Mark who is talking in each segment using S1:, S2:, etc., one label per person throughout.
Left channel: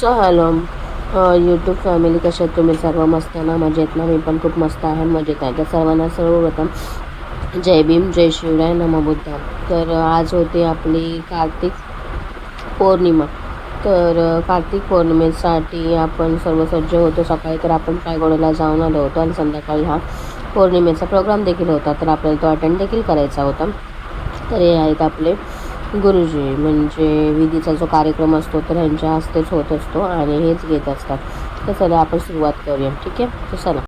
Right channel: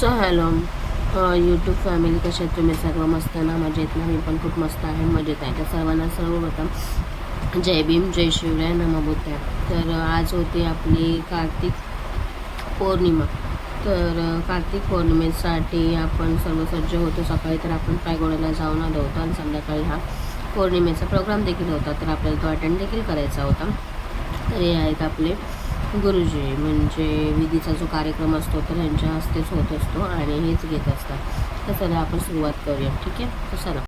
S1: So hello YouTube family कशा तुम्ही? सर्व मस्त ना? मजेत ना? मी पण खूप मस्त आहे मजेत आहे. त्या सर्वांना सर्वप्रथम जय भीम जय शिवराय नमबुद्धा तर आज होती आपली कार्तिक पौर्णिमा. तर कार्तिक पौर्णिमेसाठी आपण सर्व सज्ज होतो. सकाळी तर आपण पायगोड्याला जाऊन आलो होतो आणि संध्याकाळी हा पौर्णिमेचा प्रोग्राम देखील होता. तर आपल्याला तो अटेंड देखील करायचा होता. तर हे आहेत आपले गुरुजी म्हणजे विधीचा जो कार्यक्रम असतो तर ह्यांच्या हस्तेच होत असतो आणि हेच घेत असतात. तर चला आपण सुरुवात करूया. ठीक आहे? तर चला.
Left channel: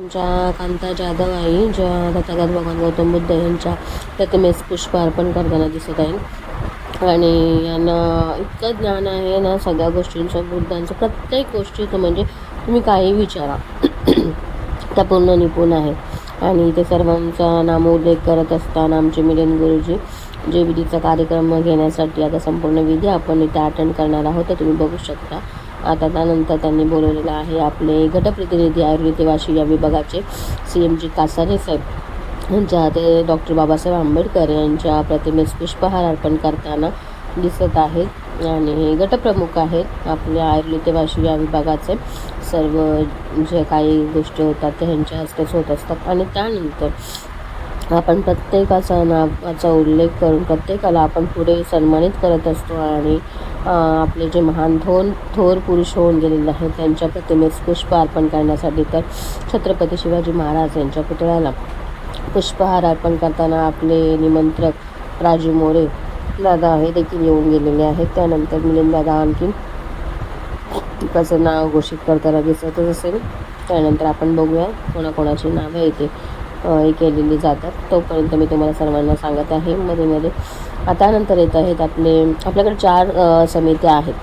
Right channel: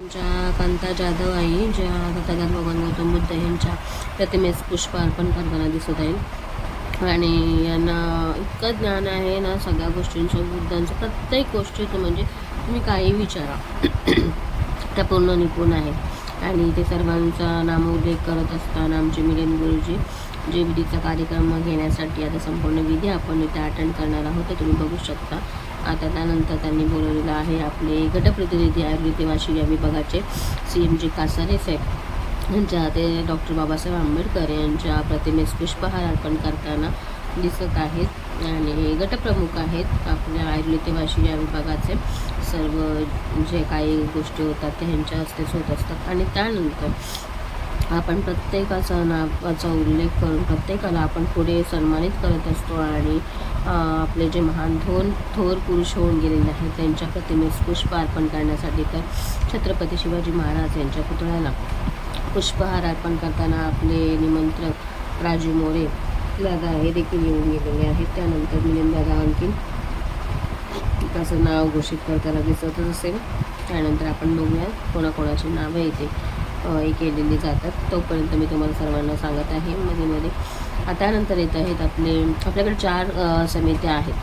S1: ज्या कांता जाधव आई ज्या तथागत भगवान गौतम बुद्ध यांच्या प्रतिमेस पुष्प अर्पण करताना दिसत आहे आणि यांना इतकं ज्ञान आहे ना सगळ्या गोष्टींचं बुद्धांचं प्रत्येक गोष्टीचं म्हणजे तुम्ही काही विचारा. त्या पूर्ण निपुण आहेत आणि ते सर्वांचा नामोल्लेख करत असताना आमचे मिलन गुरुजी जे विधीचा कार्यक्रम घेण्यासाठी आता संपूर्ण विधी आपण इथे अटेंड करणार आहोत. तर तुम्ही बघू शकता. आता त्यानंतर त्यांनी बोलवलेलं आहे आपले गटप्रतिनिधी आयुर्वेद वाशी या विभागाचे सी एम जी कासारे साहेब. यांच्या ते डॉक्टर बाबासाहेब आंबेडकर यांच्या प्रतिमेस पुष्पहार अर्पण करताना दिसत आहेत. आणि गटप्रमुख आहेत आपल्या आयुर्वेद वाशी या विभागाचे. सर्व जे काही गोष्टी होतात ते ह्यांच्या हस्तेच होत असतात. आणि त्यानंतर आपण प्रत्येकाचा नावाचा उल्लेख करून प्रत्येकाला आपण पुढे सन्मानित करत असतो आणि आपले जे महान थोर थोर पुरुष होऊन गेलेले आहेत त्यांच्या प्रतिमेस पुष्प अर्पण करण्यासाठी तर छत्रपती शिवाजी महाराज यांच्या पुतळ्याला पुष्पहार अर्पण करताना आपले निमंत्रक राजू मोरे दादा हे देखील येऊन गेलेले आहेत. त्यानंतर मिलिंद दादा आणखी त्याचं नाव घोषित करताना दिसतच असेल. त्यानंतर आपण बघूया कोणाकोणाची नावं येते हे केलेली जातात. तोपर्यंत मी तुम्हाला सर्वांना सांगत आहे. मध्ये मध्ये. आता नंतर येत आहेत आपले आपल्याकडे चार समित्या आहेत.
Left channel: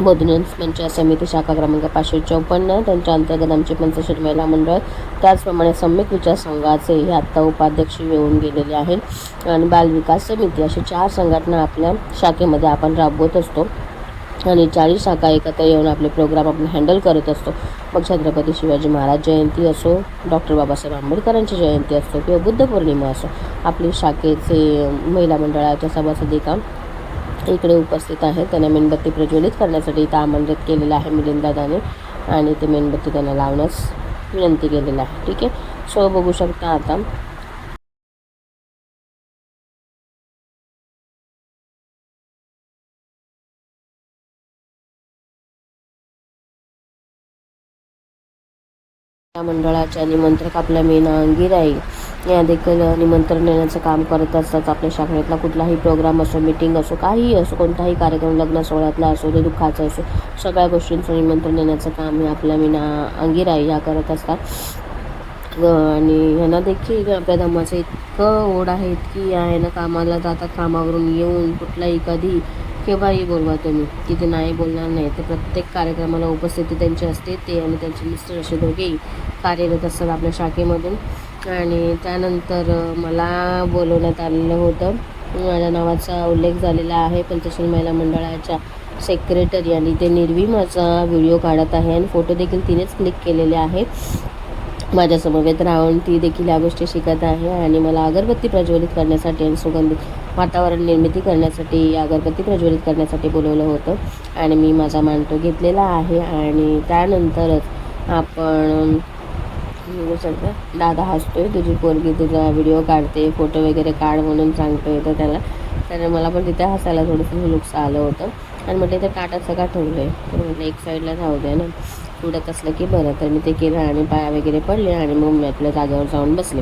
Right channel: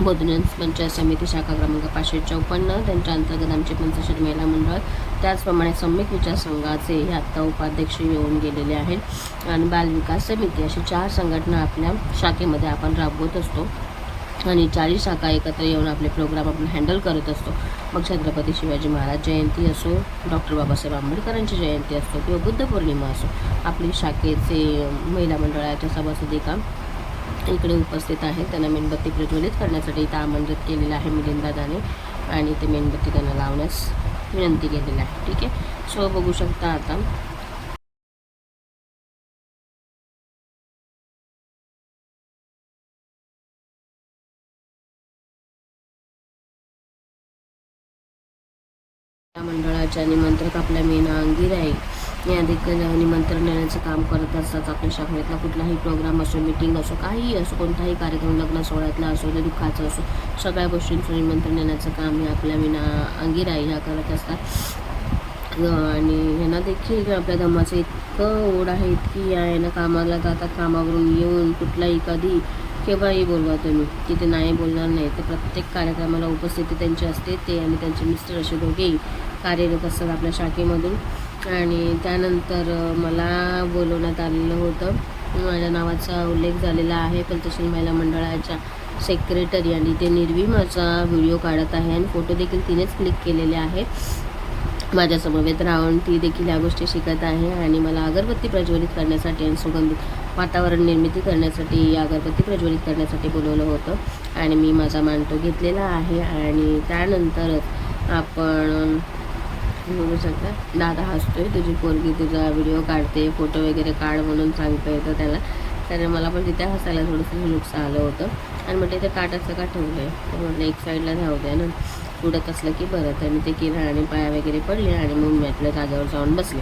S1: बोधन पंचायत समिती शाखा क्रमांक पाचशे चौपन्न. त्यांच्या अंतर्गत आमचे पंचशील महिला मंडळ. त्याचप्रमाणे सम्यक विचार संघाचे हे आत्ता उपाध्यक्ष येऊन गेलेले आहेत. आणि बालविकास समिती अशी चार संघटना आपल्या शाखेमध्ये आपण राबवत असतो. आणि चाळीस शाखा एकत्र येऊन आपले प्रोग्राम आपण हँडल करत असतो. मग छत्रपती शिवाजी महाराज जयंती असो डॉक्टर बाबासाहेब आंबेडकरांची जयंती असो किंवा बुद्ध पौर्णिमा असो आपली शाखेचे महिला मंडळाच्या सभासदिका इकडे उपस्थित आहेत. त्यांना मेणबत्ती प्रज्वलित करण्यासाठी इथं आमंत्रित केलेलं आहे मिलिंदादाने आणि ते मेणबत्ती त्यांना लावण्यास विनंती केलेली आहे. ठीक आहे? सो बघू शकता आता मंडळाच्या निमंत्रक आपल्या मीना आहे. या देखील निमंत्रण देण्याचं काम करत असतात आपल्या शाखेतला कुठलाही प्रोग्राम असो मिटिंग असो काहीही असो कोणताही कार्यक्रम लग्न सोहळ्यातला असो ते दुःखाचं असो सगळ्या गोष्टींचं निमंत्रण देण्याचं काम हे आपल्या मीना अंगिराय ह्या करत असतात. आणि ह्यांना देखील आपल्या धम्माचं इतकं ओढ आहे इतकी आहे ना कामाला जातात कामावरून येऊन कुठलाही कधी केव्हाही बोलवा तुम्ही? की ते नाही बोलणार नाही. ते प्रत्येक कार्यक्रमाला उपस्थिती त्यांची असते. ते आणि त्यांचे मिस्टर असे दोघेही कार्यरत असतात आपल्या शाखेमधून. आणि त्यानंतर मला बोलवण्यात आलेलं होतं. माझ्या नावाचा उल्लेख झालेला आहे पंचशील महिला मंडळाच्या सेक्रेटरी आणि ते निर्वी माझा व्हिडिओ काढत आहे आणि फोटो देखील तिनेच क्लिक केलेले आहे माझ्या समवेत राहून ती देखील या गोष्टी शिकत आहे आणि मला अगरबत्ती प्रज्वलित करण्यासाठी आणि सुगंधित वातावरण निर्मिती करण्यासाठी अगरबत्ती प्रज्वलित करण्यासाठी बोलवलं होतं. आणि मी माझा मांडतो घेतलेला आहे. आणि त्यानंतरच आपण बघू शकता दादा हसतोय तुझी पोरगी तुझा व्हिडिओ काढते फोटो वगैरे काढ म्हणून सांगतोय तर त्याला. तर मला पण तिथे हसायला थोडंसं लुक्स आलं होतं. आणि म्हटलं ते काटाचं का ठेवलं आहे तर म्हटलं एक साईडला राहू द्या ना. उडत असलं की बरं. तर मी ते केलं आणि पाया वगैरे पडले आणि मग मी आपल्या जागेवर जाऊन बसले.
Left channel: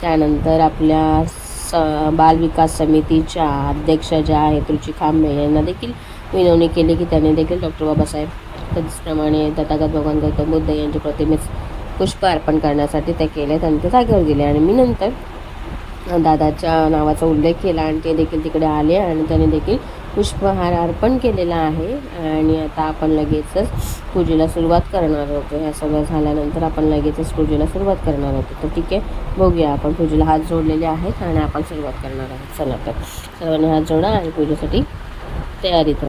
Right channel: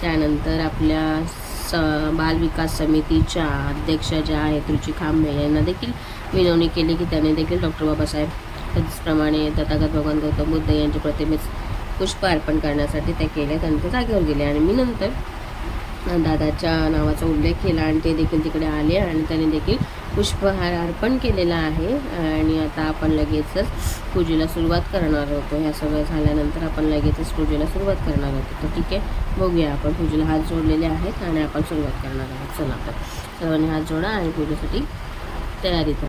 S1: त्यानंतर आपल्या स बाल विकास समितीच्या अध्यक्ष ज्या आहेत रुची खांबे यांना देखील विनवणी केली की त्यांनी देखील डॉक्टर बाबासाहेब त्याचप्रमाणे तथागत भगवान गौतम बुद्ध यांच्या प्रतिमेस पुष्प अर्पण करण्यासाठी ते केले त्यांच्या जागेवर गेले. आणि मी नंतर दादाच्या नावाचा उल्लेख केला आणि ते देखील तिकडे आले आणि त्याने देखील पुष्पहार अर्पण केलेला आहे आणि आता आपण लगेचच पूजेला सुरुवात करणार होतो. ह्या सगळं झाल्यानंतर आपण लगेचच पूजेला सुरुवात करणार होतो. तर ठीक आहे बघूया आपण पूजेला हात जोडलेले आहेत आणि आपण सुरुवात करणार आहोत. चला तर सर्वांनी हात जोडा आणि पूजेसाठी तयारीत राहा.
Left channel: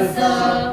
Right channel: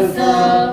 S2: also.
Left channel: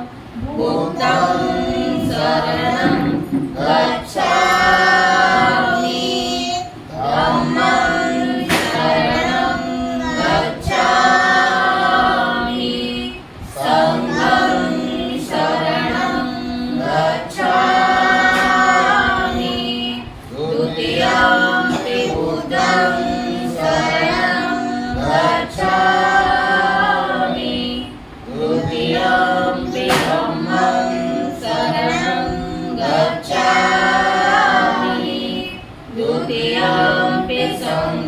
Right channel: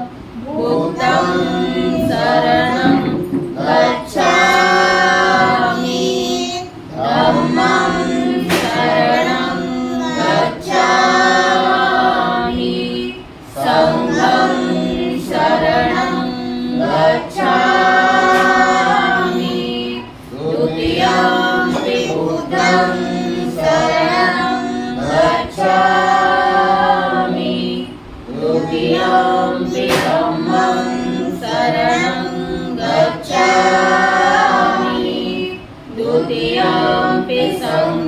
S2: Be pisong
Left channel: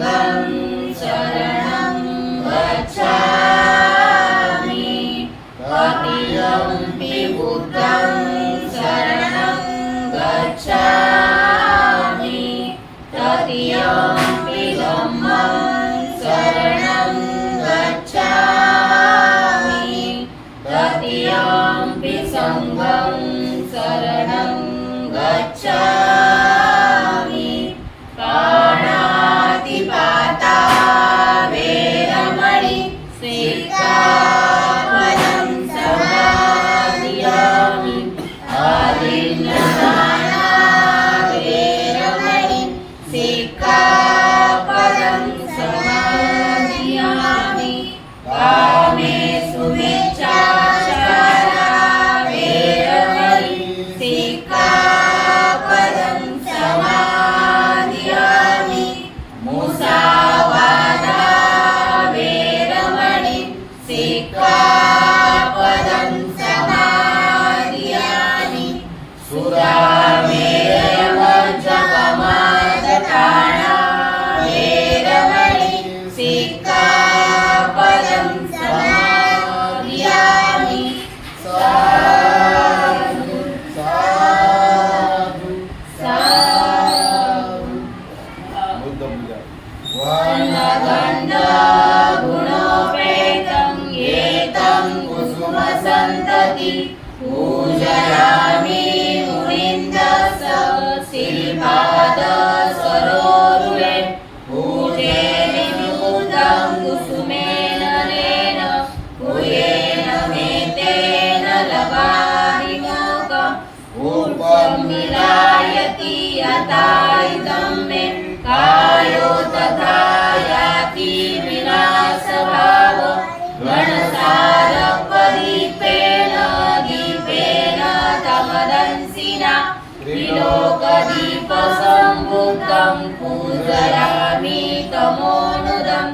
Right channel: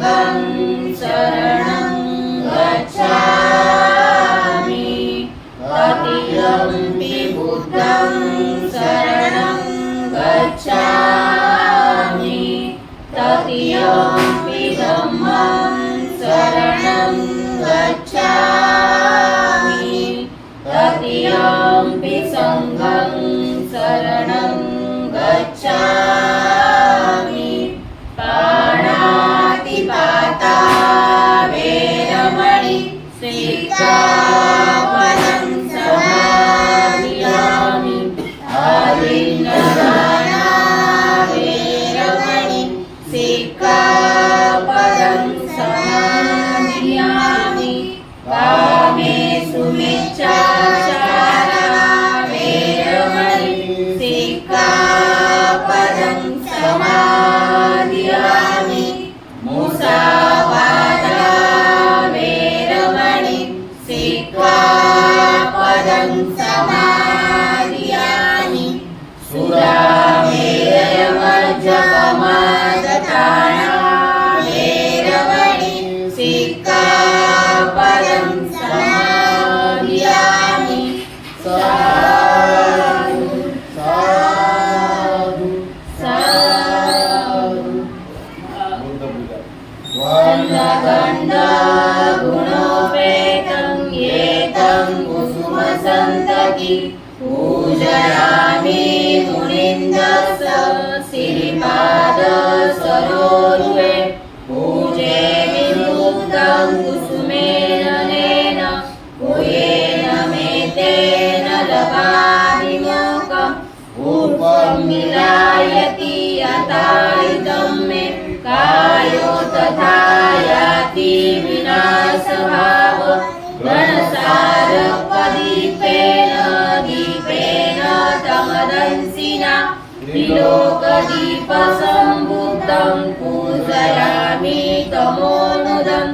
S2: त्रिलोकदीपसम्बुद्धं पूजयामि तमोनुदं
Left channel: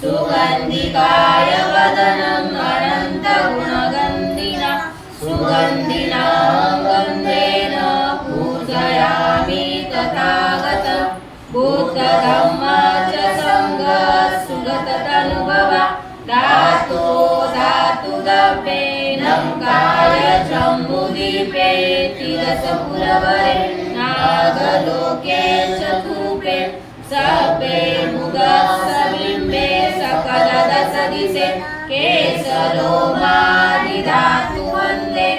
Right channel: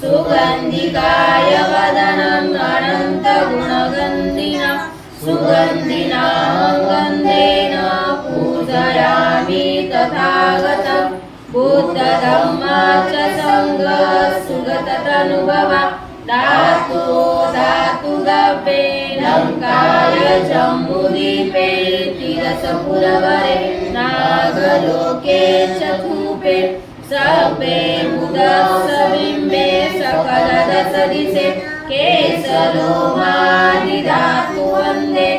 S2: सुगन्धिकाय वदनम् अनन्तगुणगन्धिना सुगन्धिना गन्धेन पूजयामि तथागतं बुद्धधम्म च सङ्गः सुगततनुभवा धातु धातु काय जम्बुदीपे तिरसपुरवरे नागलोके चतुपे सपे मुदस्सबिम्बे सकलदसदिशे केसरोमादिधातु वन्दे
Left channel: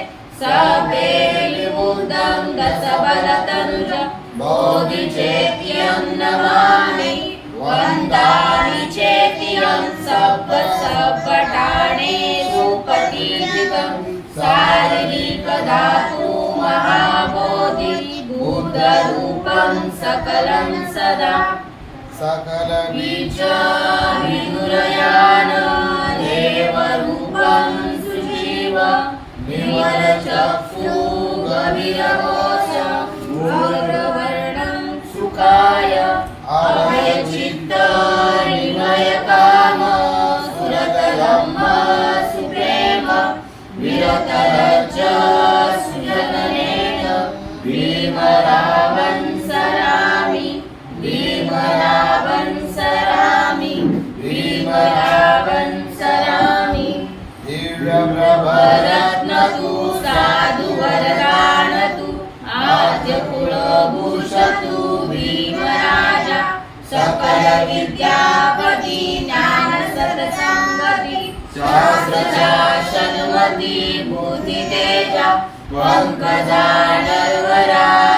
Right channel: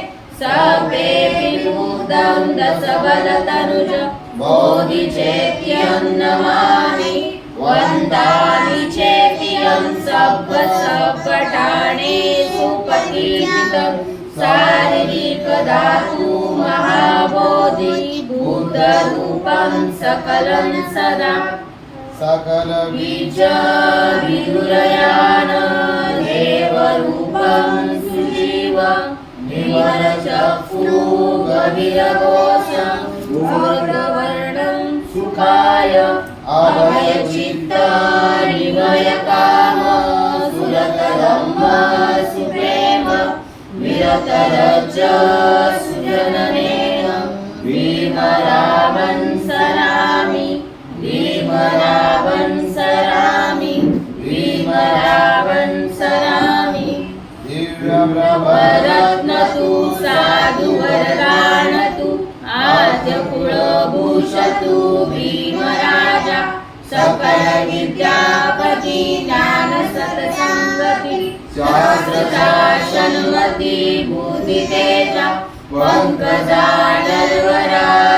S2: सपे विबुद्धं दशबलतनुज बोधिचेत्यं नमामि वन्दामि चेत्यं सब्ब सब्बटाणेषु पठितं सकलं सदा।
S3: सकल
S2: बीज विदुरयान देवरूपं सुजीव। निर्मलचक्षु गभीरघोष। मूर्धवर्णं सुखाय। अभयचित्त निभयकाम सुरतरम्भ सुप्रेम। विरतरज ज्ञान सत्संगति शास्त्रशासनमति बुद्धितेजा पंकजा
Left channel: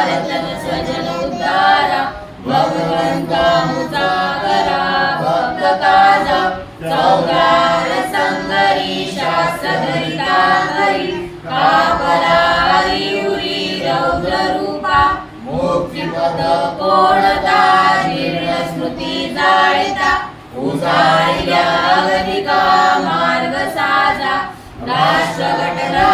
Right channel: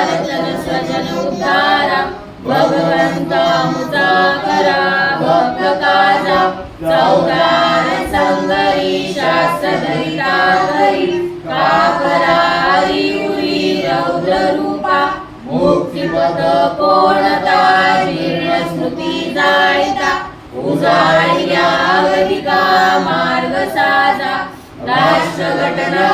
S2: रतन स्वजन उद्धारा भगवंता मुसाकरा भक्त काजा चौदार संगरी शास्त्रधरिता करी कापरारी उरी रौद्ररूपा मुक्तिपद कोणता जीर्ण स्मृती उजाळी गदिका मार्ग साजा राष्ट्रघटना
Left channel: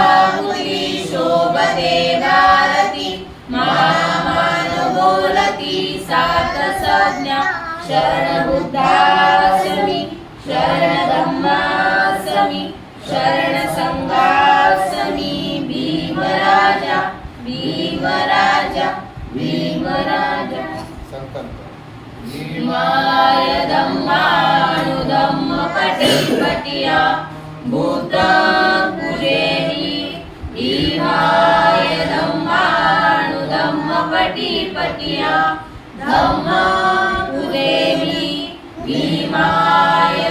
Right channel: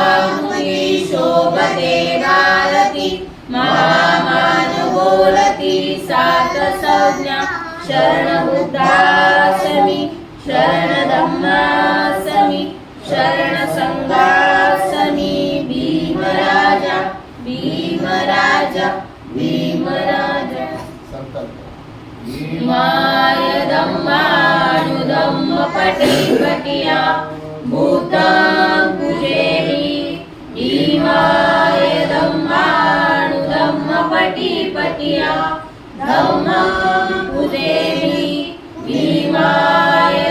S2: शोभते भारती. महामान बोलती सात संज्ञा शरण बुद्धासमी शरण धम्मासमी शरण संघासमी भीमराजा भीमराजा भीमराजा. भीमाय धम्मानुधम्म पटी पटिया धम्मा पुजेहि भीमाय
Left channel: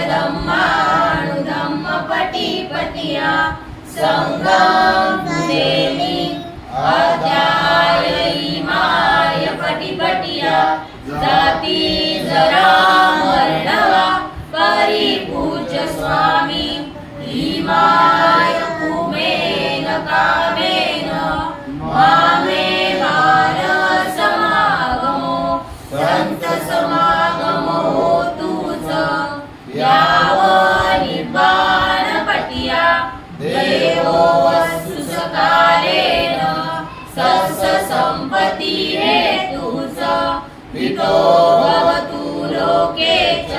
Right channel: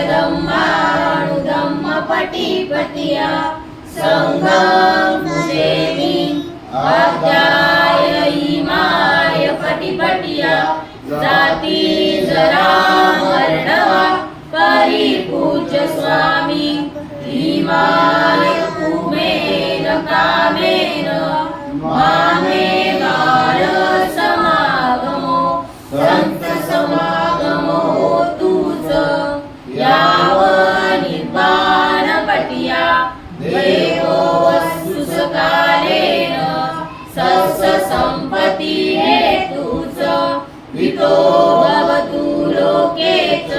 S2: भवतु लोके च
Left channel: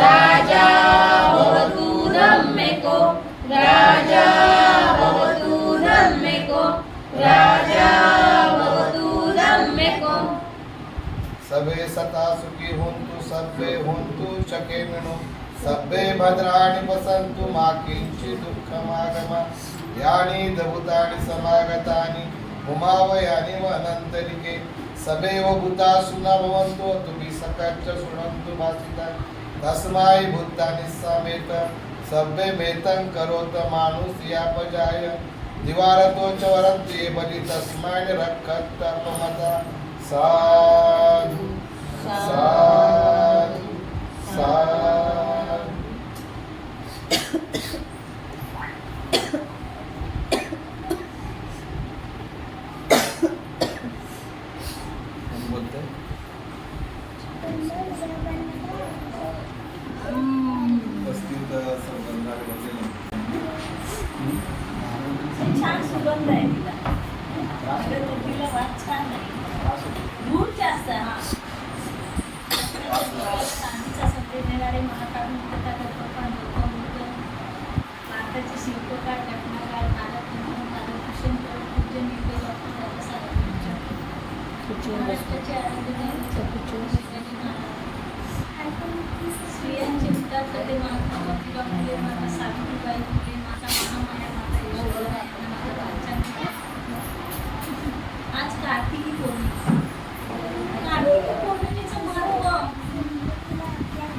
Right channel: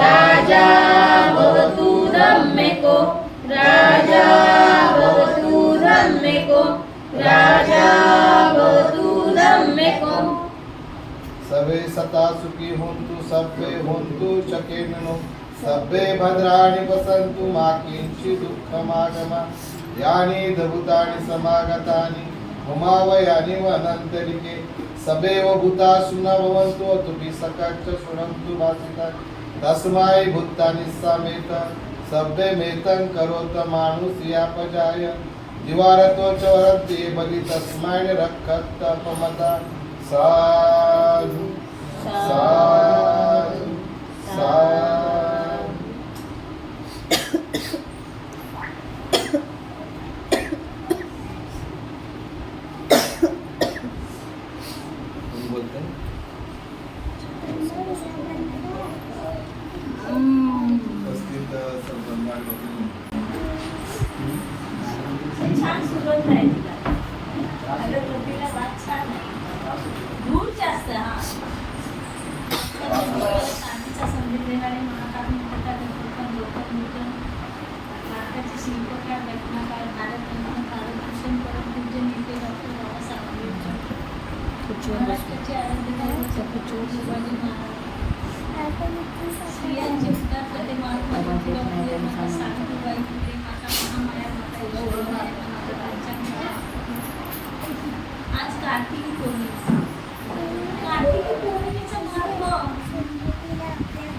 S2: राजा भवतु रम्यको। राजा भवतु रम्यको। राजा भवतु रम्यको।
S3: सर्वे सता सुखी हुन्तु सर्वे हुन्तु चकेनुनो सर्वे भद्राणि वसन्तु मा किञ्चित् दुःखमागम। यानि धभूतानि समागतानि उमावयानि वनन्तरिके। सभेव भूता सुना सकाच अतुपि सकाच्च शृणन्तु भासिता। तस्मै भूतानि समेत सभ्यमेतं करोत मानुष्यापजाय दिवारतो चोरते वरद्ये तस्माय तस्मै रक्षत्तपमदा साधु साधु साधु।
S4: भारताचे घटनाकार भारत रत्न भारतभूषण नेते डॉक्टर बाबासाहेब आंबेडकर महाराष्ट्राचे शिवाजी महाराज स्त्रियांचे उद्धार करते महात्मा ज्योतिबा फुले माता सावित्रीबाई फुले माता महामाया माता यशोधरा पंचांग आज कार्तिकी पौर्णिमा कार्तिकी पौर्णिमेचं महत्त्व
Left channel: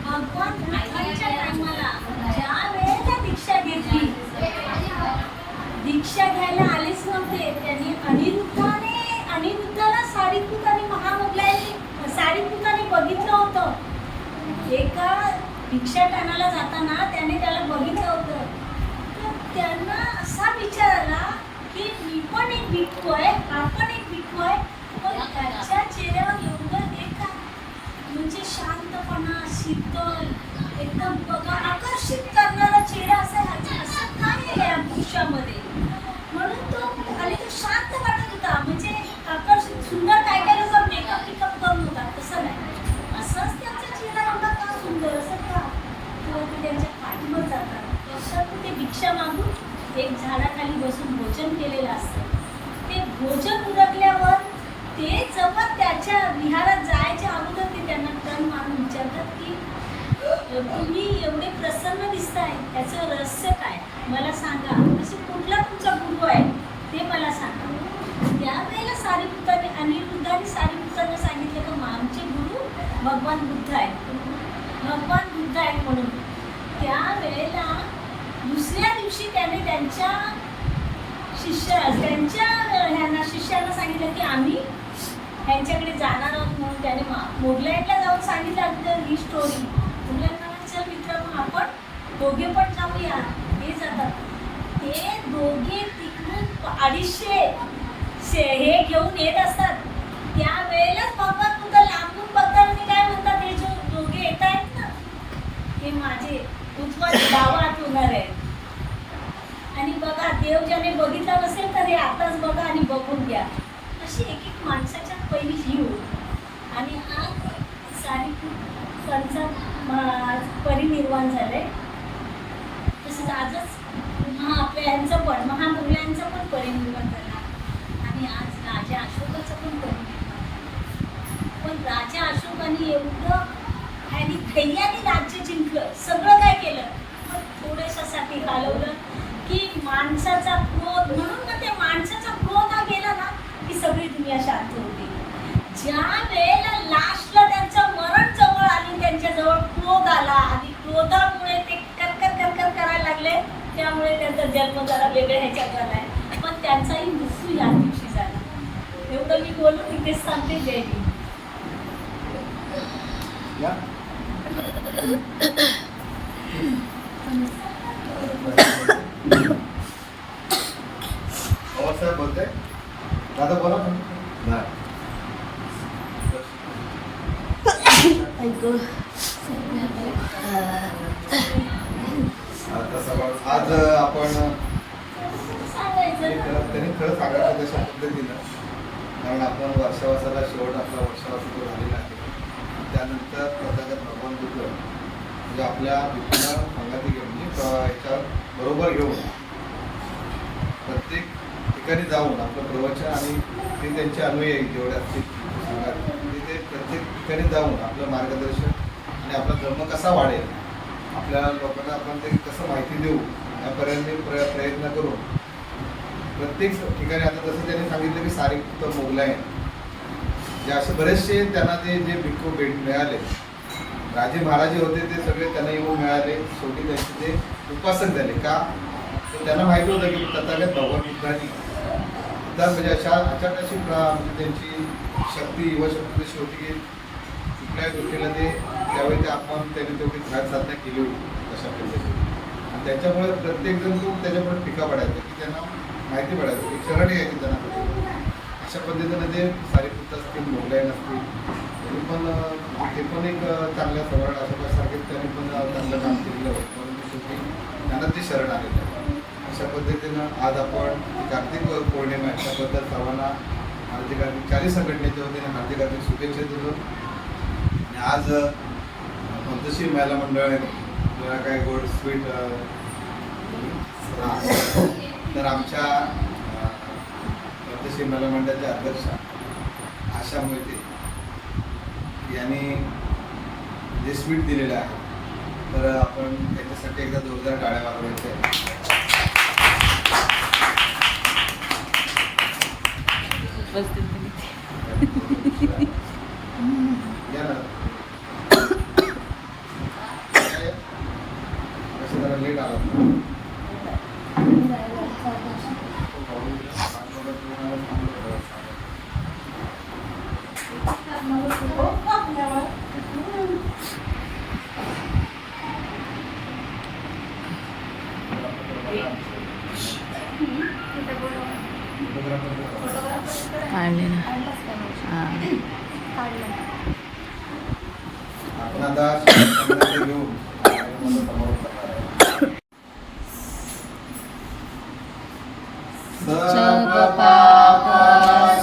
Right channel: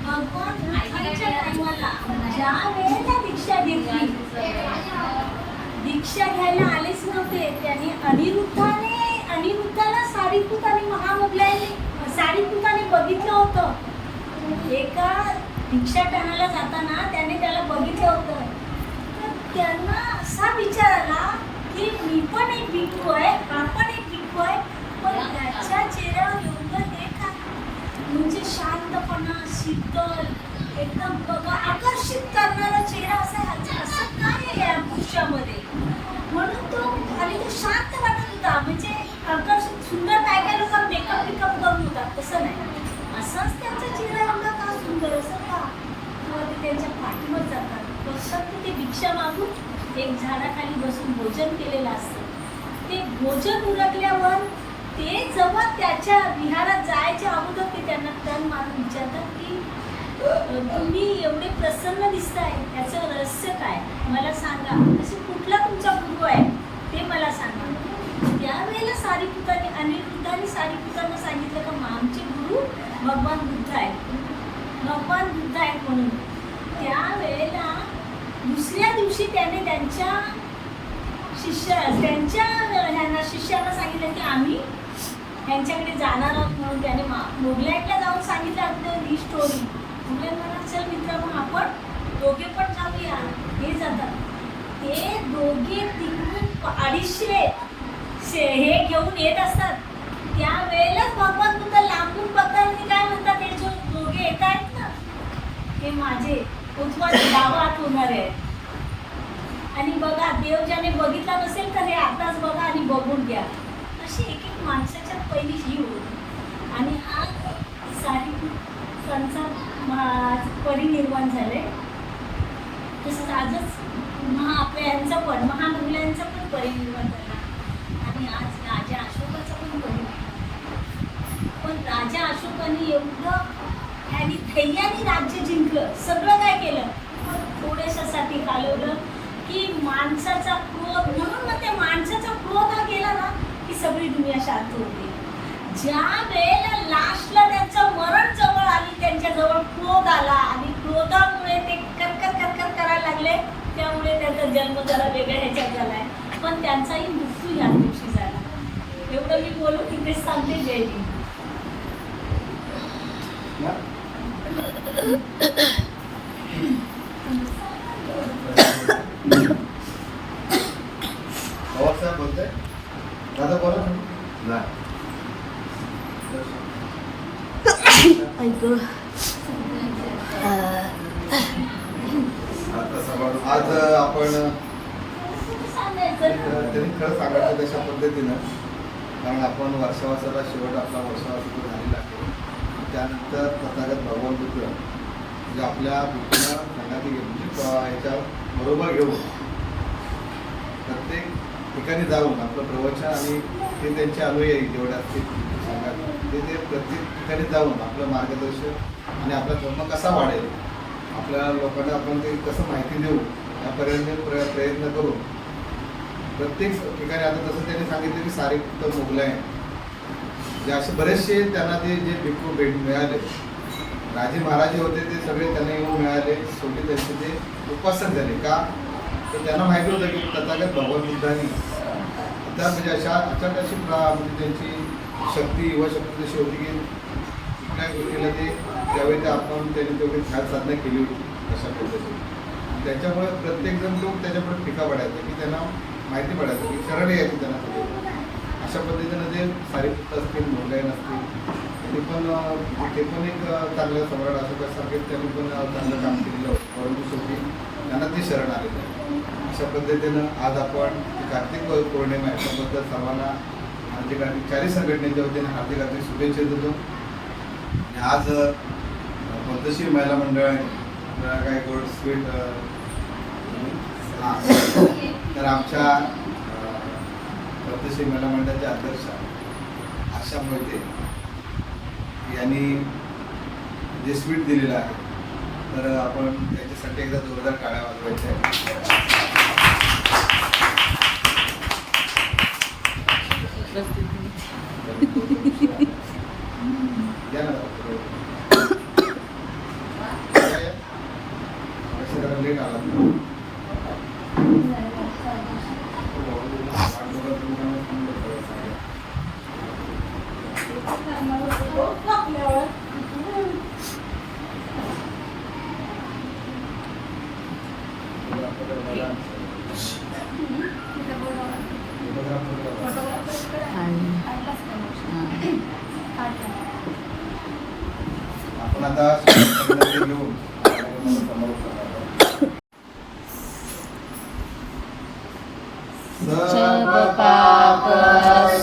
S4: भगवान आईच्या टायमाला ज्या वेळेला दीक्षा घेतली दीक्षा घ्यायला आलेच नव्हते. त्यांनी अनिरुद्धाने अनिरुद्धाला सारीपूत आणि महा बघितलं होतं. एका भिक्षाटनाला जाताना त्याने त्याला बघितलं होतं. तर त्यांना असा विचार आला की मी पण एक भिक्खू आहे हा पण एक भिक्खू आहे पण त्याच्या चेहऱ्यावर एवढं हे का म्हणजे शांतपणा शीतल एकदम बघा आकर्षित करणारा चेहरा असा आहे. असं काय आहे या पुरुषामध्ये म्हणून तो खाली तो शांत वाटत होता. म्हणजे आकर्षित सुंदर काय काय लोक मेकअप पिकअप करून होतात तसं नाही. असंच त्यांचा चेहरा एवढा का सुंदर असं का? किंवा ते त्यांच्या पाठीवर जातात. फक्त ते भिक्षा मागून एक झाडाखाली बसून भोजन केलेलं असतं. ते भोजन उरकल्यावर ते जेव्हा त्याच्या विहारात जायच्या अगोदर ते त्यांना टन मारून विचारतात की तुम्ही एवढे प्रसन्न दिसताय त्याचं रहस्य काय? मला सांगा. असे कुठला तुमचा गुरु आहे? ते मला सांगा. त्यावेळेला सारीपुताने अनिरुद्धाने सारीपुतांना सांगितलं का आमचे गुरु भगवान बुद्ध आहेत. भगवान बुद्ध आहेत म्हणून. त्यावेळेला दुसऱ्या दिवशी त्याने त्यांच्या शिष्य त्यांच्या ह्यांना शिष्यांना सांगितलं की आम्ही ह्यांच्याकडे जाणार आहोत म्हणून. त्याने मा- मोगलाईटला जाऊन सांगितलं अगदी ही स्टोरी मुलांना चल मित्र मग आपण दोघे पण जाऊया. हे जातात. ते दोघे तिकडून अडीचशे शे- हे घेऊन येत असतात. त्यावेळेलाच भगवान तुमचा लांबून बघतात आणि काय म्हणतात हे जो दोघे येत आहेत ना हे माझे उजवा डावा होणार आहे आणि बघा देव ज्याने बघितला नसेल तर हे आताच बघा आणि बघून घ्या. अशी एक एक माणसाच्यात पहिली जीव होती. आणि आज सारी त्यांचा परिनिर्वाण झाले तसंच आजच महा आपल्या यांचं पण महामुलांचा पण परिनिर्वाण झाला आणि आज राजा अशोकाचा पण परिनिर्वाण पण राजा अशोकाने एवढं ह्यानी धैर्याने राज्य जिंकलं. सगळं काय केलं? पण थोड्याशासाठी घालवलं की माणसाचा क्रोध म्हणून ना ते माणसाचा क्रोध हा गेला ना की सगळी दुनिया शांत होते. ज्या वेळेला लास्टला त्यांचं मरण त्यांच्याजवळ क्रोध आला आणि क्रोधामुळे ते करकर करकर करायला लागले. त्यामुळे त्यांचा जन्म जरा वेगळ्या ह्याच्यात झालाय. पण त्यांचाही मृत्यू या दिवशी झाला. एवढं मी सांगते
S3: बोलते दादा बोला तुम्ही. नाही
S1: ऐक.
S3: आता सवाल- आज आपण एक, त्यांनी खरं सांगायचं तशा पद्धतीनं कारण आपण वर्षावासाला शेवट आपला वर्षावा झालेला आहे. त्यानंतर तथागत भगवान बुद्ध म्हणजे आपल्या बुद्धीला सांगायला घेऊन म्हणजे याच्या बरोबर घेऊन प्रत्येक ठिकाणी जाऊन आपलं प्रवचन आणि ते त्यांचे अनुयायी जेवढे असतील संघात ते ते प्रत्येक ठिकाणी जाऊन आपलं मार्गदर्शन आणि आपला धर्म कसा वाढेल आपल्या लोकांना आपण ते कसं माहिती देऊ यापर्यंत प्र प्रयत्न करू प्रत्येक ठिकाणी आता तसं त्यांनी सांगितलं की सारे तर मोगलाय जे असे बरेचसे त्यांना ते जे भिक्खू भेट मिळाले राजे महाराजे होते ते सगळे त्यांना येऊन मिळाले शेवटी त्यांचे ते उपासक झाले. का? तर त्यांना माहिती होतं की तथागत भगवान बुद्धांनी आता म्हणजे अशा अचाट अशी प्रा- म्हणजे त्यांची शक्ती युवा शक्ती जशी होती की कुठल्याही गोष्टीला ते त्यावेळी ते आपण त्यांनी तेवढी ध्यान साधना केली होती तशा पद्धतीने. आणि त्याच्यामुळे प्रत्येकजण तो त्याच्यापुढे टीका पडायचा की त्यांना माहिती पडायचं की शरण यायची त्यांना त्याच्यावर. अशा पद्धतीनं ते सारीपुत्त असतील मोगलायन असतील त्यांनी पण म्हणजे ते पण एक चांगलं चांगल्या सवर्ण अशोकासारखे त्यांनी पण चांगलं काम केलेलं होतं. परंतु शेवटी त्यांना ते शरण आलेलं आहे अशा पद्धतीनं आज आपण कार्तिक पौर्णिमा आहे त्याबद्दल सर्वांना हार्दिक हार्दिक चाळीस संघटनेच्या वतीने हार्दिक हार्दिक शुभेच्छा देतो. आणि आज पंतशीर महिला मंडळाने आहे काय गोड स्वीट तर आमच्या पंतशील महिला मंडळाच्या अध्यक्षा आशा मोहिते यांनी जे स्वीट दिलेलं आहे तर आपण त्यांच्यासाठी एकदा जोरदार टाळ्या वाजवायच्या आहेत. या ना. या, या. कसं जरा late आलात.
S4: हो, आपल्यावर.
S2: काढले ना. हां.
S3: आपण आता मध्ये घेऊन
S2: सब पाप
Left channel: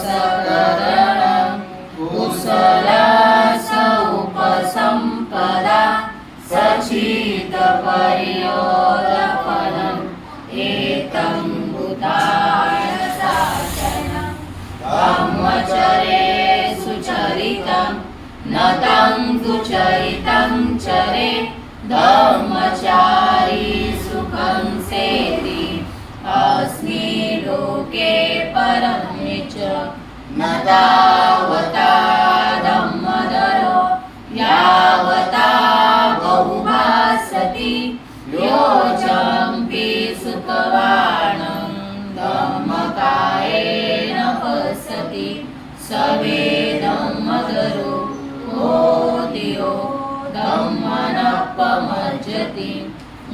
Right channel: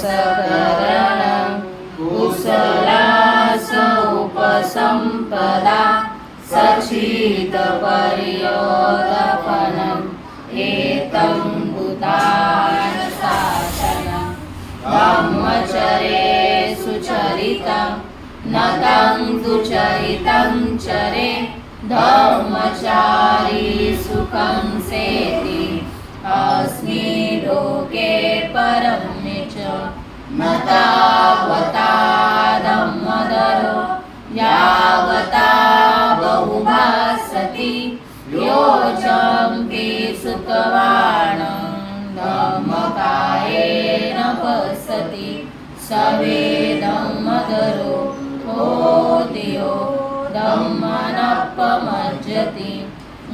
S2: सकरण कुशला उपसंपदा सचित परियोद एतं बुधाय शासनं ब्रह्मचरे सुचरितं न तं दुचरितं चरे धर्मचारी सुखं सेति अस्मि लोके परं च न तावता धम्मदरो यावता बहुभासति योजम्पि सुखवाणं धम्मकायेन पश्यति सवेदमदरो होतियो धम्मनपमज्जति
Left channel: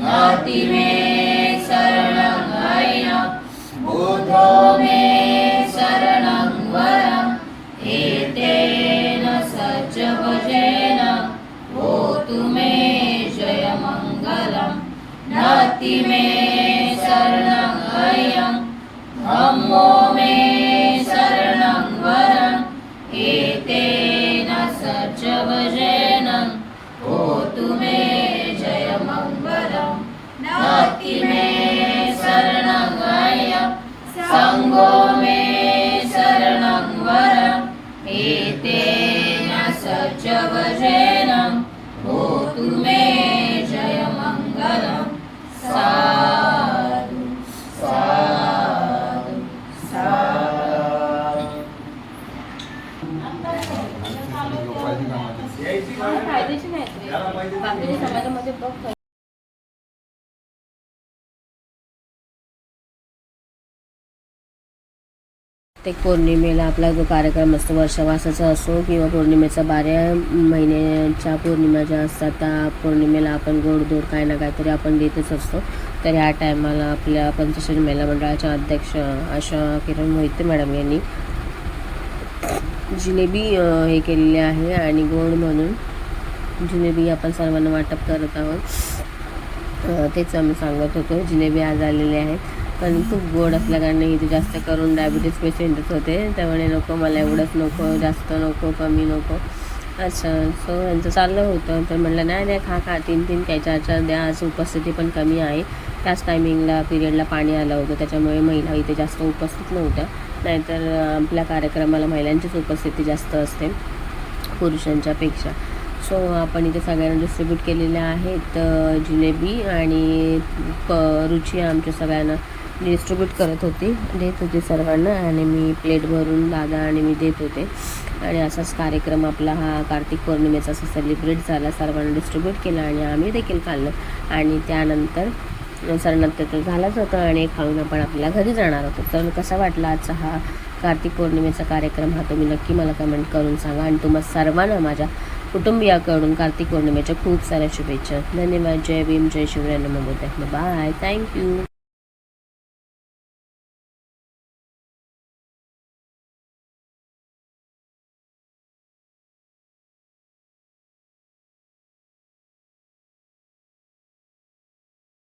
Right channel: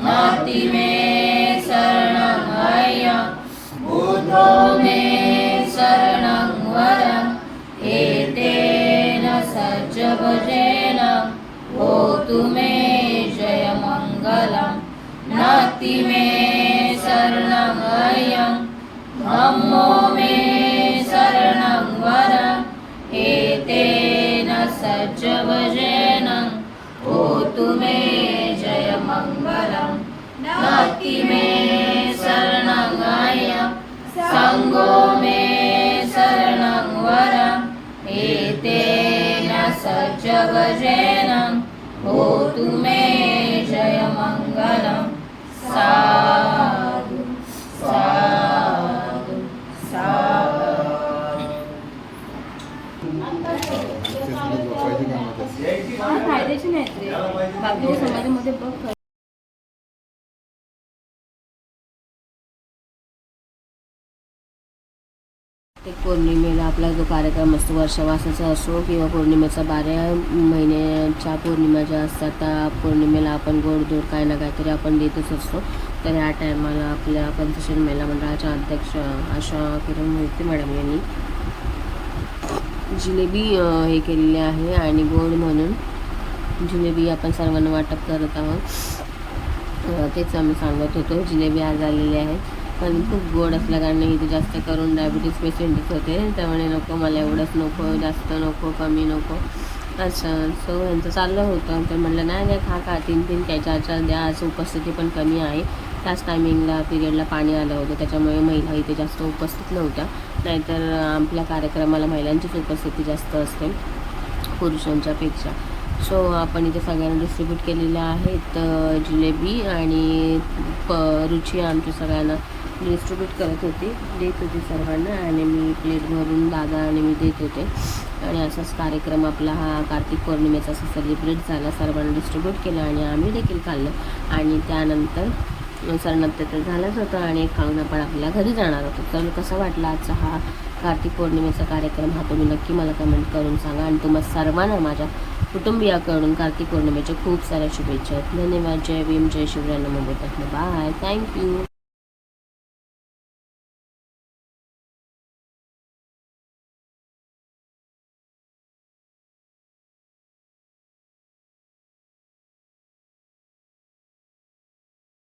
S2: नाति मे शरणं सज्जवजेन होतु मे प्रत्येक पौर्णिमेला आपला जो कार्यक्रम असतो वर्षवासाचा असो किंवा पौर्णिमेचा बारा महिन्याच्या पौर्णिमा ज्या असतात त्या पौर्णिमेला आपण गोडधोड काय ना काहीतरी आपण देतच असतो. तर ह्या टायमाला आपल्या पंचशील महिला मंडळाच्या अध्यक्ष आशा किरण मोहिते मॅडम यांनी जिलेबी हे केलेली आहे आणि गोड म्हणून जिलेबी आपण सर्वांना वाटप करत आहोत. तेच आम्ही सांगत होतो. जिलेबी आज आलेले आहेत पण खूप गोड असल्याकारणे इथे जास्त करून डायबिटीज पेशंटच होते. त्यामुळे नको मला एवढंच नको जास्त नको कमी नको. अच्छा सो यांचं चाललं होतं. तर म्हटलं नाही नाही खा खा तीन तीन काय चार चार द्या आज उपस्थिती पण कमी आहे. त्याच टायमिंगला पिरियडला पाणी आलं होतं. त्याच्यामुळे महिला इथे जास्त उपस्थित नव्हत्या. नाहीतर आपल्या कार्यक्रमाला महिलांचीच उपस्थिती जास्त असते पुरुषांच्यापेक्षा सो आपण इथे सगळ्यांना डिस्ट्रीब्यूट केलेल्या आहेत जिलेबी आणि प रुची आमच्या सगळ्यांना डिस्ट्रीब्यूट करत होती. देत होती सर्वांना आणि मी प्लेट भरून दादा आणि मी देत होते. आणि असाच कार्यक्रम आपला हा कार्तिक पौर्णिमेचा असा सेलिब्रेट झाला. सर्वांना डिस्ट्रीब्यूट केला आणि आम्ही देखील खाल्लं. आणि त्यानंतर सरनंतर तर झालाच होता आणि खाऊन आपण आपल्या घरी जाणार होतो. तर कसा वाटला आजचा हा कार्तिक पौर्णिमेचा कार्यक्रम हा तुम्ही नक्की मला कमेंट करून सांगा. आणि तुम्हा सर्वांना माझ्या कुटुंबियाकडून कार्तिक पौर्णिमेच्या खूप साऱ्या शुभेच्छा. धन्यवाद. जय भीम. जय शिवराय. नमो बुद्धाय. Bye thank you